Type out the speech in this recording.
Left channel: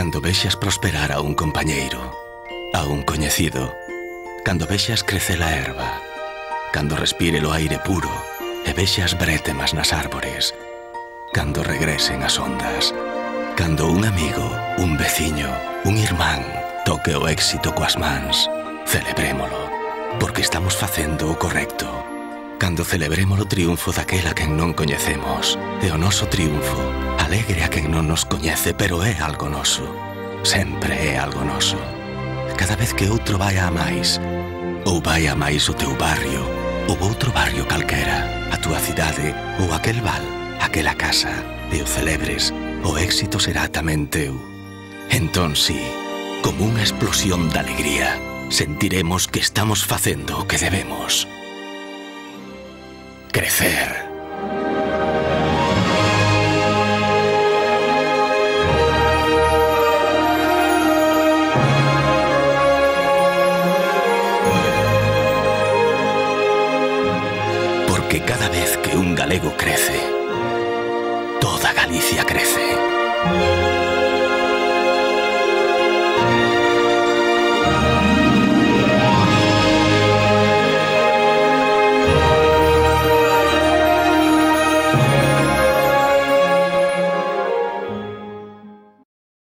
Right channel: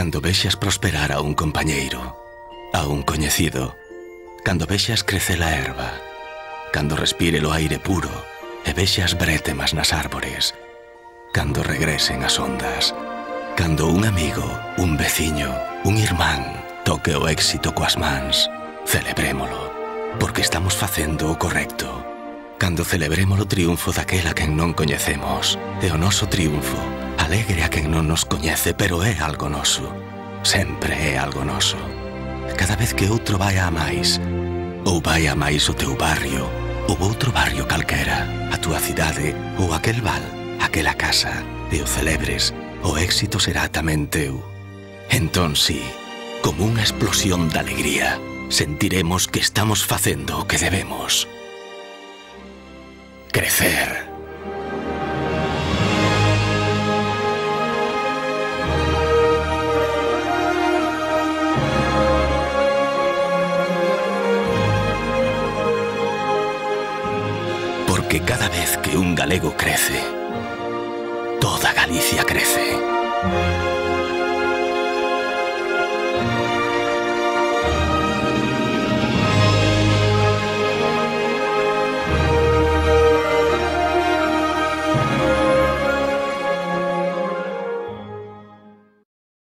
Cando vexas prosperar a un compañeiro, a un coñecido, cando vexas crecer a erva, cando respire o aire puro e vexas brétemas nas árbores, cando regresen as ondas, cando un amigo, un veciño, un irmán toque o éxito coas mans, celebrémolo, porque estamos facendo o correcto. Cando celebremos o triunfo daquela quen non coñecemos, e o noso triunfo alegre a quen non nos coñece, pero é algo noso. Sempre é algo noso. Cada vez que outro vai a máis, ou vai a máis o teu barrio, ou outro barrio calquera, a túa cidade, ou aquel val, aquela casa, e o celebres, o éxito será tamén teu. Entón, sí, como unha explosión de alegría, sentiremos que estamos facendo o que debemos. Crecer. Porque cada vez que un galego crece, toda Galicia crece.